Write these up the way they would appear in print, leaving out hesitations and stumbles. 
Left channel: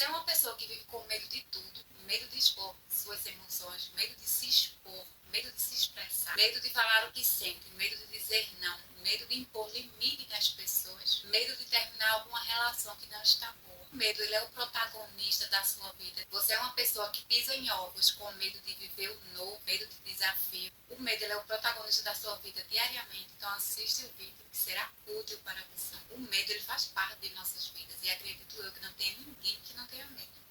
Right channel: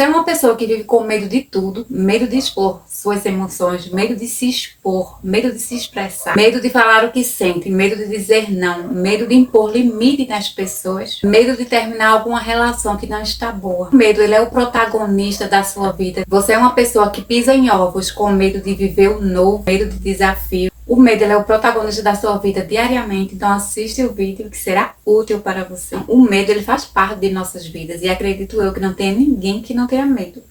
Você é uma pessoa que vive com medo de tudo, medo de expor suas emoções, medo de se expor, medo de se expressar, medo de falar o que sente, medo de dizer não, medo de impor limite nas pessoas, medo de terminar alguma relação que não está boa. O medo, ele é o protagonista da sua vida. Você é uma pessoa que pisa em ovos com medo de viver o novo, medo de desafio. O medo, ele é o protagonista da sua vida diariamente, então assiste o vídeo que será útil para você. O medo, ele faz parte de nossas vidas e acredito eu que não tem ninguém que não tenha medo.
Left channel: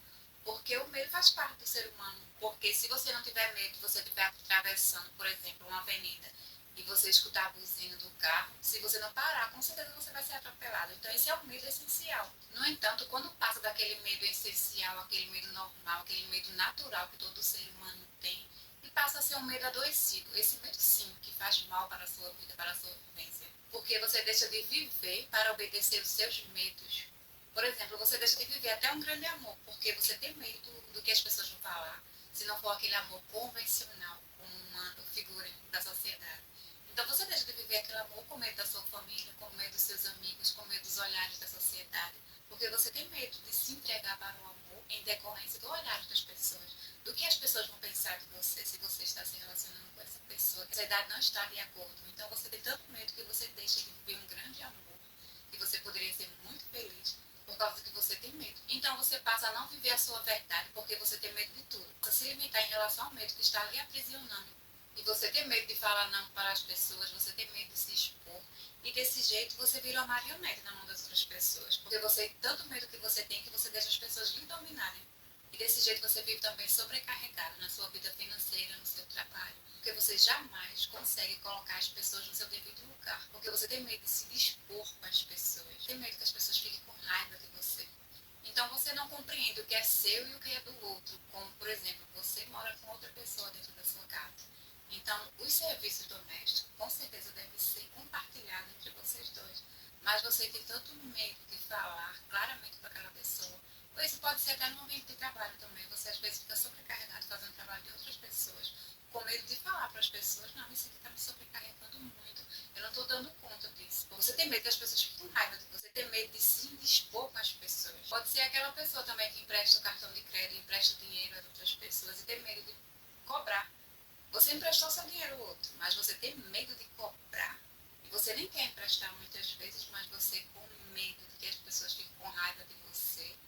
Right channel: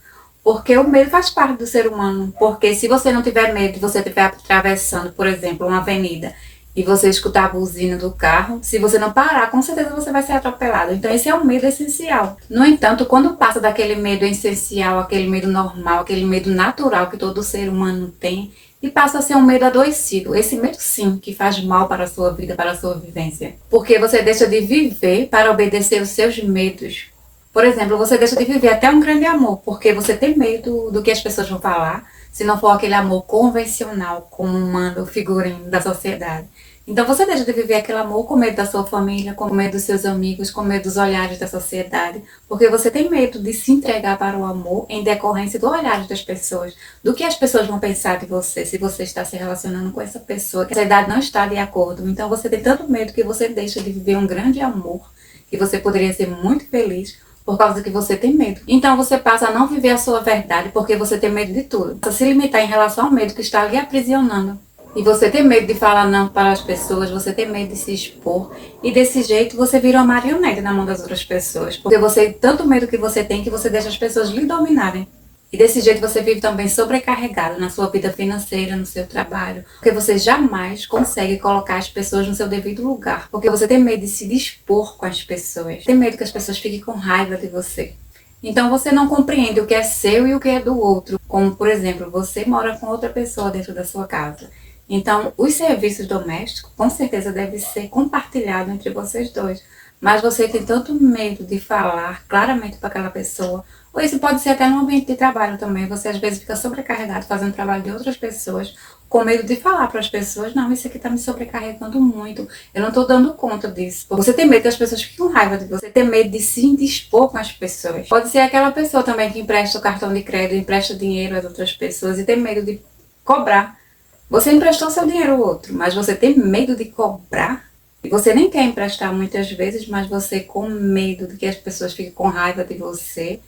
Porque o medo faz parte do ser humano. Porque se você não tiver medo e você estiver atravessando, por exemplo, uma avenida e você escutar a buzina do carro, se você não parar, com certeza você vai ser atropelado. Então esse é o medo essencial. No entanto, quando passa daquele medo essencial, aquele medo normal, aquele medo natural que todo ser humano tem, e passa a ser um medo adoecido. Esse medo sim, que faz mal para a sua vida, para a sua vivência. Porque você deixa de viver para obedecer os seus medos. Por exemplo, você deixa de viver até um grande amor, porque você tem medo do que as pessoas vão falar, se não for aquele amor convencional, como manda o figurino da sociedade. Então você deixa de viver aquele amor com medo da sua família, com medo dos seus amigos, com medo dos olhares da sociedade, porque você tem medo de se entregar para o amor em decorrência do olhar das pessoas, do que as pessoas vão pensar de você, se você está se relacionando com essa pessoa, que a sociedade não está de acordo. Então você tem tanto medo que você deixa de viver um grande amor, que você poderia ser muito feliz, por causa que você tem medo. Então você passa a não viver a sua verdade porque você tem medo de tudo. Você se limitar em relação ao medo que está lhe aprisionando. E você tem medo de falar não para as pessoas, você tem medo de se expor. E desse jeito você vira uma marionete na mão das outras pessoas. Porque você, tanto medo que você tem que você deixa as pessoas lhe dominarem. E desse jeito você vive também sobrecarregado na sua vida financeira, no seu trabalho. Porque você jamais consegue colocar as pessoas no seu devido lugar. Porque você tem medo de se dispor com as pessoas. Tem medo que as pessoas fiquem com raiva de você. Então você não compreende o que é seu e o que é do outro. Como, por exemplo, você mora com outra pessoa dentro da sua casa. Então, os serviços domésticos, com certeza, devem ser compartilhados entre vocês dois. Mas você tem tanto medo de falar claramente para aquela pessoa, ou isso pode ser até no ambiente de trabalho também. Você às vezes fica sobrecarregado fazendo trabalho de outras pessoas, com medo de falar para as pessoas, não, isso aqui está me sobrecarregando muito, eu não estou dando conta disso. Você tem medo que as pessoas fiquem com raiva de você, tem medo de se indispor com as pessoas. Pode ser aquela pessoa também que empresta o cartão de crédito, empresta dinheiro às outras pessoas e tem medo de cobrar. Você emprestou seu dinheiro ao outro, mas você tem medo de cobrar? E você nem quer emprestar muitas vezes, mas você com medo de que as pessoas fiquem com raiva de você.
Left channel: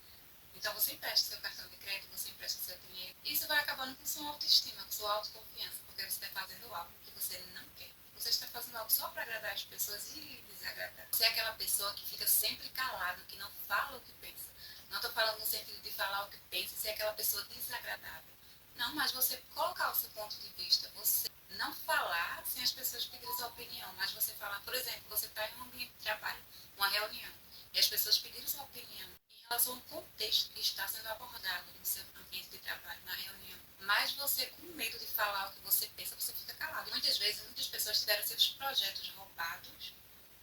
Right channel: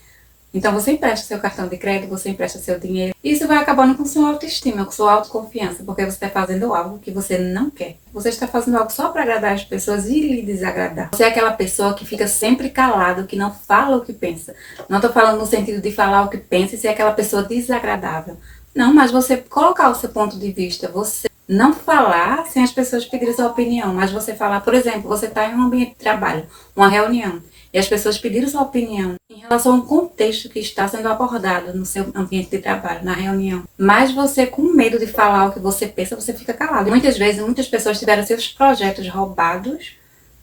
Então você empresta seu cartão de crédito, você empresta seu dinheiro. E isso vai acabando com sua autoestima, com sua autoconfiança, porque você está fazendo algo que você não quer. Você está fazendo algo só para agradar as pessoas e lhe desagradar. Você é aquela pessoa que fica sempre calado, que não fala o que pensa. Não estou falando no sentido de falar o que pensa e ser aquela pessoa desagradável. Não, mas você colocar o seu ponto de vista, você não falar sem as pessoas pedirem sua opinião, mas você falar, por exemplo, você está em um ambiente de trabalho, uma reunião, e as pessoas pediram sua opinião em relação ao contexto que está sendo abordado no seu ambiente de trabalho, na reunião. Mas você, com medo de falar o que você pensa, você fica calado. Muitas vezes, muitas pessoas tiveram seus projetos roubados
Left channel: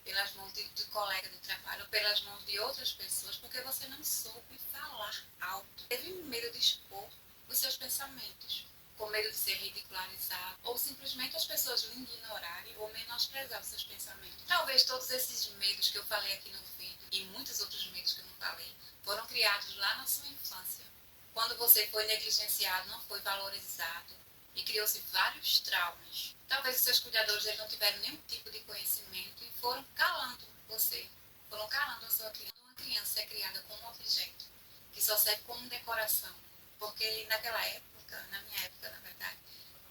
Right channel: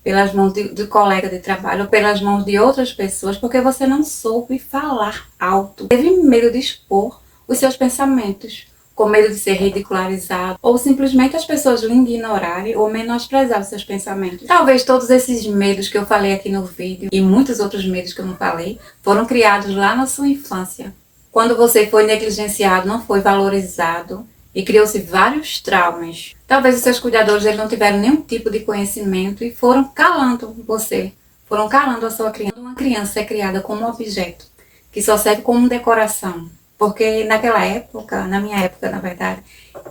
pelas mãos de colega de trabalho ou pelas mãos de outras pessoas, porque você não soube falar alto. Teve medo de expor os seus pensamentos, com medo de ser ridicularizado, ou simplesmente as pessoas lhe ignorarem ou menosprezar os seus pensamentos. Talvez todos esses medos que eu falei aqui no vídeo, e muitos outros medos que eu não falei, foram criados lá na sua infância. Quando você foi negligenciado, não foi valorizado, e criou-se vários traumas. Talvez os seus cuidadores eles não tiveram nenhum tipo de conhecimento e foram calando você, foram calando a sua criança. Uma criança é criada como um objeto, que só serve como decoração. Porque naquela época, na minha época, na verdade,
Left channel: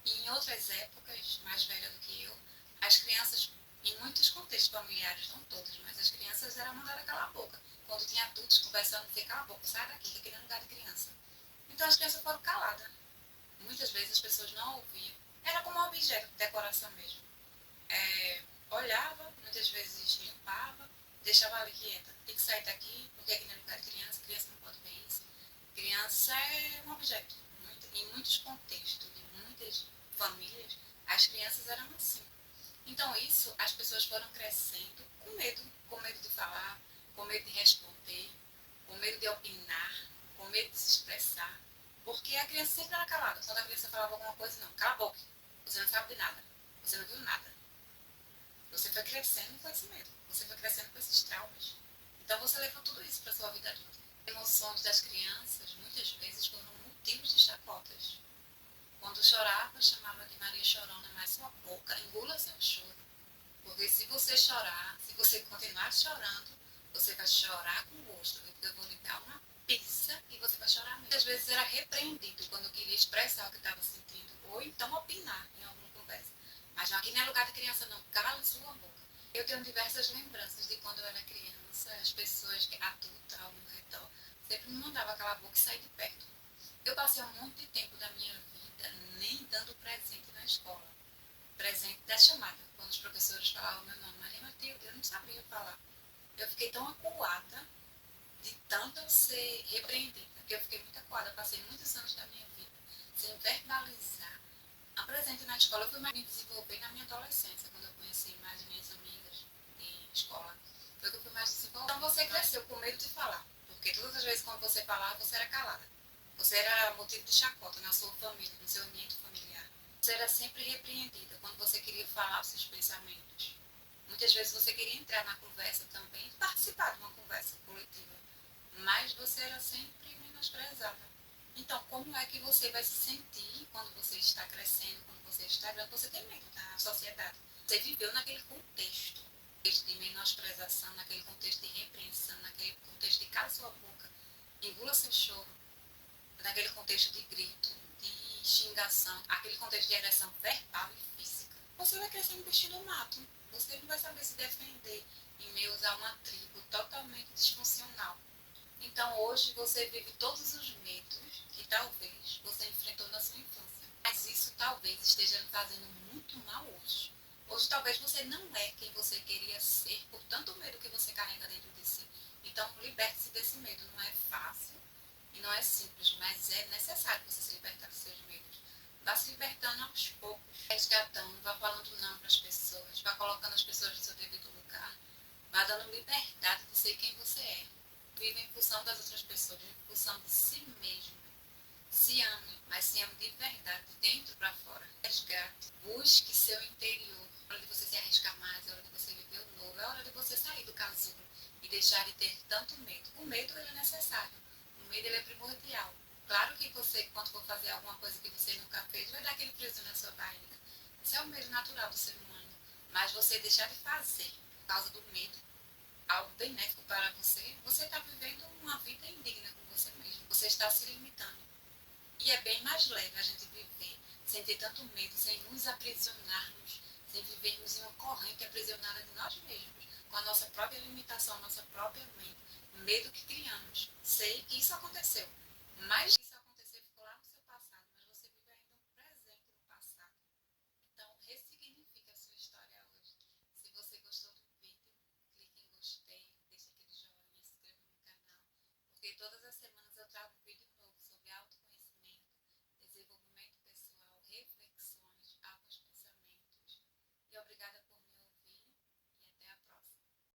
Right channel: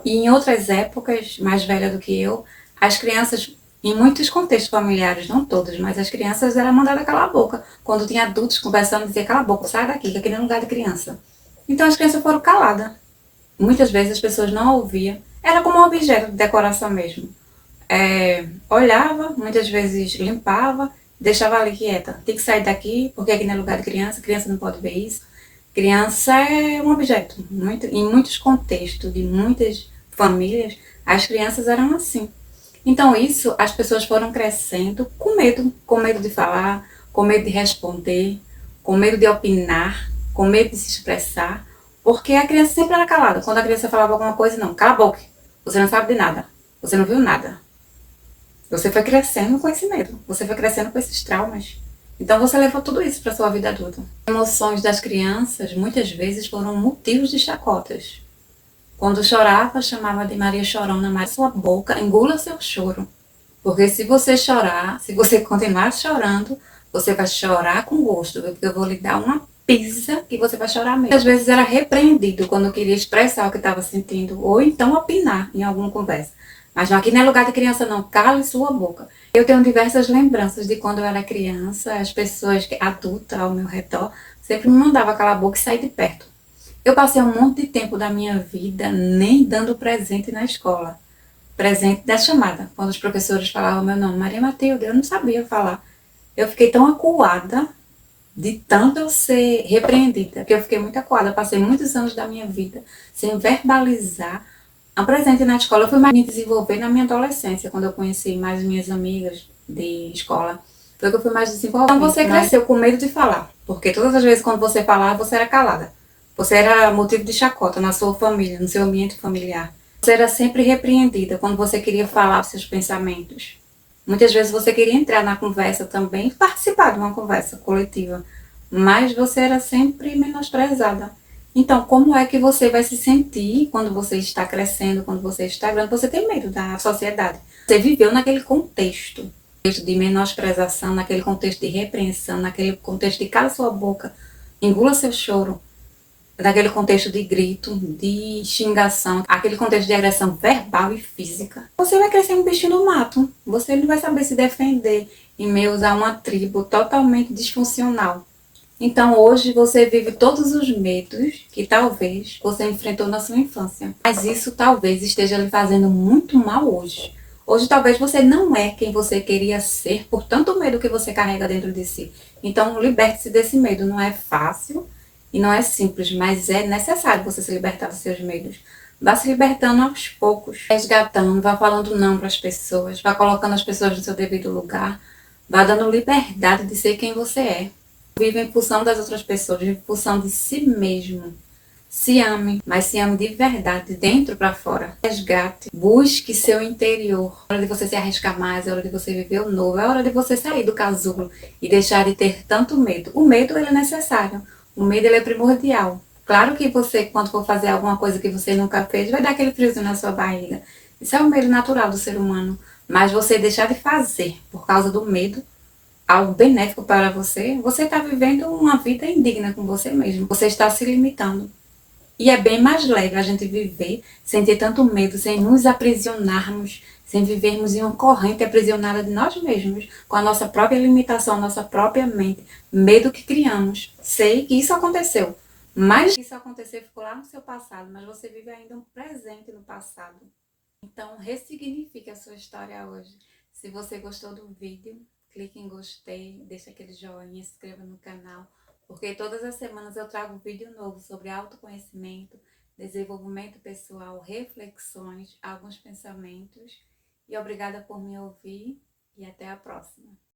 e em outras épocas, mais velha do que eu, as crianças, em muitos contextos familiares, não todos, mas as crianças eram mandadas calar a boca. Quando tinha adultos conversando, dizia, cala a boca, sai daqui, que aqui não é lugar de criança. Então as crianças foram caladas. Muitas vezes as pessoas não ouviam. Era como um objeto de decoração mesmo. Olhava, muitas vezes limpava, deixava ali quieta. Tem que sair daqui, porque aqui não é lugar de criança, criança não pode ver isso. Criança é um objeto. Em muitos contextos, de muitas famílias, as crianças eram assim. Então isso, as pessoas foram crescendo com medo de falar, com medo de responder, com medo de opinar, com medo de se expressar, porque a criança sempre era calada. Quando a criança falava alguma coisa, não, cala a boca, você não sabe de nada, você não viu nada. Você foi crescendo com esse medo, você foi crescendo com esses traumas. Então você levou tudo isso para sua vida adulta. Emoções das crianças muitas vezes foram motivos de chacotas. Quando chorava, chamava de Maria Chorona, mas sua boca engula seu choro. Porque se você chorar, se você continuar chorando, você vai chorar com gosto, porque eu vou lhe dar uma pisa que você vai chorar mesmo. Às vezes era repreendido quando eu queria expressar o que estava sentindo, ou então opinar em alguma conversa. Mas aqui não é lugar de criança não, cale sua boca. Eu tenho diversas lembranças de quando eu era criança, as pessoas adultas ao meu redor sempre me mandavam calar a boca e sair de perto. Eu passei um monte de tempo da minha vida nem dando presente na escola. Presente da chamada. Quando os professores falavam meu nome, Maria Matilde, eu não sabia falar. Eu fiquei tão acuada de tanto eu ser repreendida, que eu fiquei muito acuada. Eu passei muitos anos da minha vida sem verbalizar um presente na escola. Eu fui mais me desenvolver na minha adolescência, quando eu conheci mais minhas amigas de escola. Foi que eu fui mais desenvolvida. Então você cresceu com medo de falar, porque todas as vezes quando você falava, você era calada. Você era motivo de chacota na sua família, no seu ambiente familiar. Você era sempre repreendida quando você queria falar seus pensamentos. Muitas vezes você queria entrar na conversa também, participar de uma conversa coletiva, mas você era sempre menosprezada. Então, como é que você vai se sentir quando você está crescendo, quando você está grande? Você tem medo da sociedade. Você viveu naquele contexto de menosprezação, naquele contexto de repreensão, naquele contexto de cala sua boca, engula seu choro, naquele contexto de grito, de xingação, aquele contexto de agressão verbal e física. Você vai crescer um bichinho do mato. Você não vai saber se defender em meio a uma tribo totalmente disfuncional. Então hoje você vive todos os medos que talvez você enfrentou na sua infância. Mas isso talvez esteja lhe fazendo muito mal hoje. Hoje talvez você não é quem você queria ser por tanto medo que você carrega dentro de si. Então liberte-se desse medo. Não é fácil e não é simples, mas é necessário você se libertar dos seus medos. Vá se libertando aos poucos, resgatando, vá falando não para as pessoas, vá colocando as pessoas no seu devido lugar, vá dando liberdade de ser quem você é. Vive em função das outras pessoas, vive em função de si mesmo. Se ame, mas se ame de verdade, de dentro para fora. Resgate, busque seu interior. É hora de você se arriscar mais, é hora de você viver o novo, é hora de você sair do casulo e deixar de ter tanto medo. O medo ele é necessário, o medo ele é primordial. Claro que você, quando for fazer alguma coisa que você nunca fez, vai dar aquele friozinho na sua barriga. Isso é o medo natural do ser humano. Mas você deixar de fazer por causa do medo, algo benéfico para você, você está vivendo uma vida indigna com você mesmo. Você está se limitando. E é bem mais leve a gente viver sem ter tanto medo, sem nos aprisionarmos, sem vivermos em uma corrente aprisionada de nós mesmos, com a nossa própria limitação, a nossa própria mente, medo que criamos. Sei que isso aconteceu, mas isso acontecer ficou lá no seu passado, mas você vive ainda um presente no passado. Então, ressignifique a sua história hoje. Se você gostou do vídeo, clique em gostei, deixa aquele joinha, se inscreva no canal, porque todas as semanas eu trago um vídeo novo sobre autoconhecimento, desenvolvimento pessoal, reflexões, alguns pensamentos. E obrigada por me ouvir e até a próxima.